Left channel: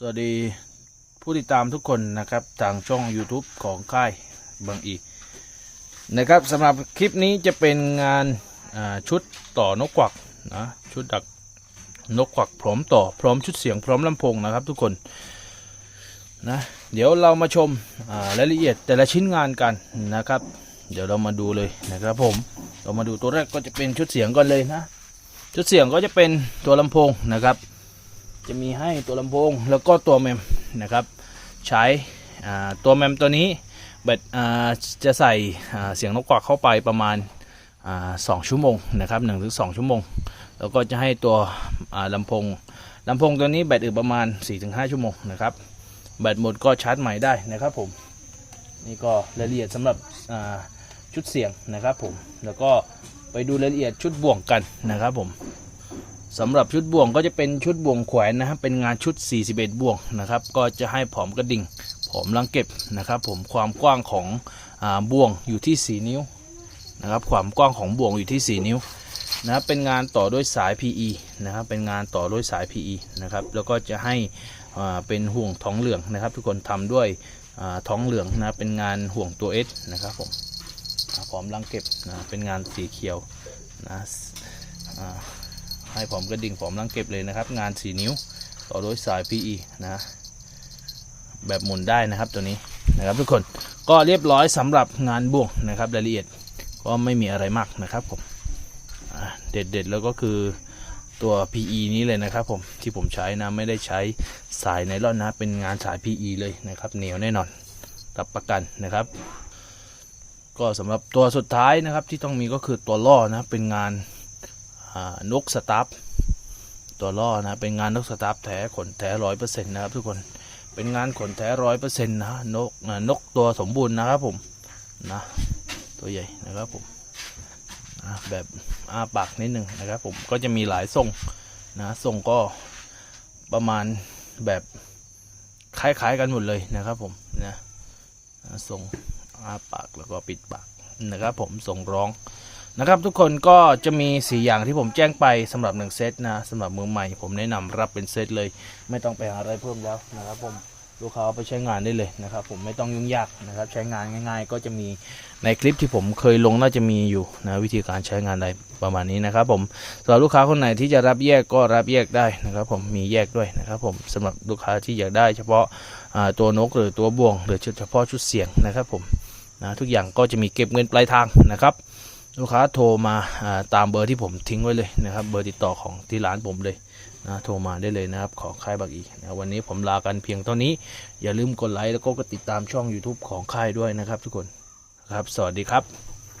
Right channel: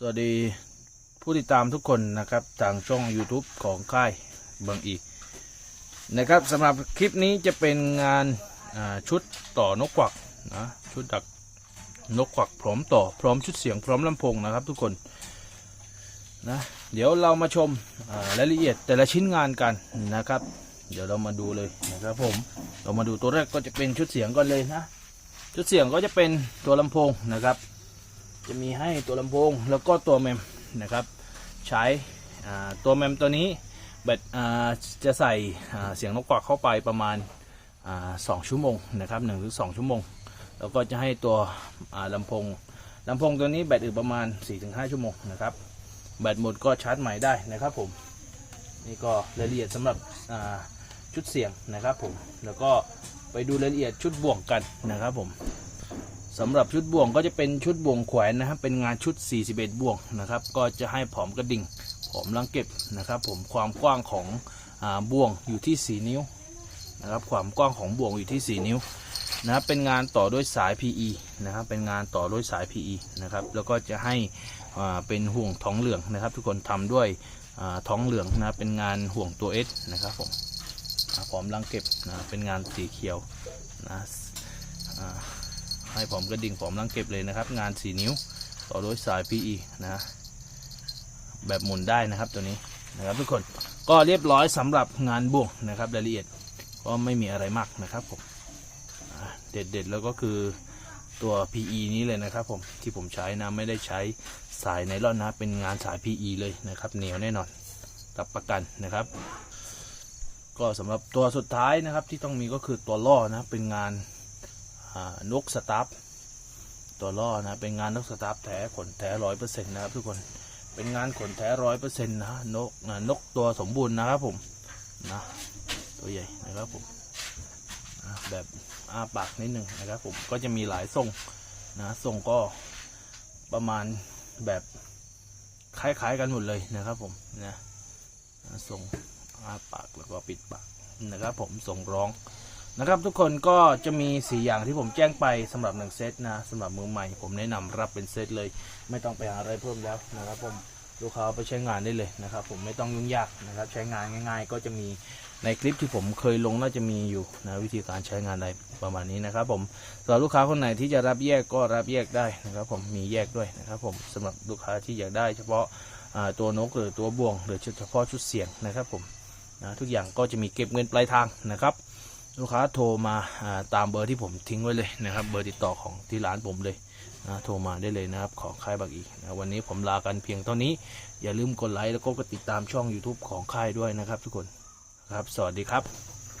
สวัสดีผู้ติดตามทุกคนนะครับทางช่อง YouTube ของค่ายบางอีนะครับสำหรับคลิปนี้จะเป็นงานาชุดต่อนกกวักนะชุดดักนกกวักพร้อมต่อพร้อมชุดเสียงพร้อมลำโพงนะครับทุกคนนะเดี๋ยวเรามาชมรายละเอียดแต่ละชิ้นงานกันนะครับ เดี๋ยวเรามาดูเลยนะครับผมเรามาดูตัวแรกก็จะเป็นชุดเสียงก่อนเลยนะชุดเสียงก็จะเป็นตัวลำโพงนะครับ จะมีให้ตัวลำโพงแล้วก็ตัวแมมนะครับ ใช้ตัวแมมตัวนี้แบตจะใส่เสียงนกกวักเข้าไปประมาณสองชั่วโมงนะครับหนึ่งถึงสองชั่วโมง แล้วก็จะให้ตัวอ่าลำโพงลำโพงตัวนี้แบตอึประมาณ 4-5 ชั่วโมงนะครับ แบตหมดก็ชาร์จใหม่ได้นะครับผม นี่ก็รายละเอียดสำหรับชุดเสียงนะครับผม แล้วก็ไปดูรายละเอียดชุดบ่วงกันนะครับผม สำหรับชุดบ่วงก็จะเป็นชุดบ่วงแขวนนะครับเป็นงานชุด 41 บ่วงนะครับ ก็จะให้ผอมกระดิ่งผอมลังเก็บนะครับ ผมความกว้างของอบ่วงอยู่ที่ 4 นิ้วนะครับ ความกว้างของบ่วงอยู่ที่ 4 นิ้วนะครับเป็นงานต่อด้วยสาย PE นะครับ เป็นงานต่อด้วยสาย PE นะครับ แล้วก็จะให้เป็นห่วงท้องเหลืองนะครับ ทุกคนทำด้วยท้องเหลืองนะเป็นงานห่วงตัว S นะครับผมผอมลังเก็บนะเป็นงานสีเขียวนะ ให้ผมกระดิ่งผมลังเก็บเลยนะครับ งาน 4 นิ้ว ต่อด้วยสาย PE นะแบบหมุนได้นะครับตัวนี้นะครับทุกคนก็เรียบร้อยสำหรับงานบ่วงนะครับรายละเอียดก็ไม่มีอะไรมากนะครับผมเด็ดๆแล้วก็คือตัว PE นี้เลยนะครับผมที่ผมใช้นะไม่ได้ใช้สายไนล่อนนะเป็นงานสาย PE เลยนะครับเหนียวแน่นอนรับประกันนะครับ ก็สำหรับตัวสุดท้ายนะครับที่ต้องมีก็คือตัวล่อนะเป็นงาน นกสตาร์ฟตัวล่อนะเป็นงานนกสตาร์ฟแท้ขนแท้ร้อยเปอร์เซ็นต์นะครับทุกคนเป็นงานขนแท้ร้อยเปอร์เซ็นต์นะนกนกตัวสมบูรณ์นะครับผมนะตัวใหญ่นะครับผมแบบอ้าปากนิดหนึ่งนะครับผมก็จะมีหลายทรงนะทรงก็ประมาณแบบคล้ายๆกันหมดเลยนะครับผมนะอะทรงอ้าปากแล้วก็ปิดปากนะครับผมทรงร้อง นะครับทุกคนก็จะมี 4 อย่างที่ผมแจ้งไปสำหรับ 1 เซตนะสำหรับมือใหม่ ผมแนะนำรับเป็นเซตเลย ไม่ต้องไปหาอะไรเพิ่มแล้วนะครับผมลูกค้าเอาไปใช้งานได้เลยนะครับ ผมไม่ต้องยุ่งยากนะครับ ใช้งานง่าย ๆ ก็จะมีในคลิปที่ผมเคยลงน่าจะมีอยู่นะวิธีการใช้งานอะไรประมาณนี้นะครับ ผมสำหรับลูกค้าคนไหนที่จะรับแยกก็รับแยกได้นะครับ ผมมีแยกด้วยนะครับ ผมสำหรับลูกค้าที่อยากได้ เฉพาะาตัวนกหรือตัวบ่วง หรือเฉพาะชุดเสียงนะครับ ผมนะทุกอย่างก็จะมีเก็บเงินปลายทางนะครับ ลูกค้าโทรมาตามเบอร์ที่ผมทิ้งไว้เลยนะครับ เบอร์ติดต่อของที่ร้านผมเลยนะโทรมาได้เลยนะครับ ขอค่ายบักอีนะวันนี้ผมลากันเพียงเท่านี้ อย่าลืมกดไลค์แล้วก็กดติดตามช่อง YouTube ของค่ายด้วยนะครับทุกคนครับ สวัสดีครับ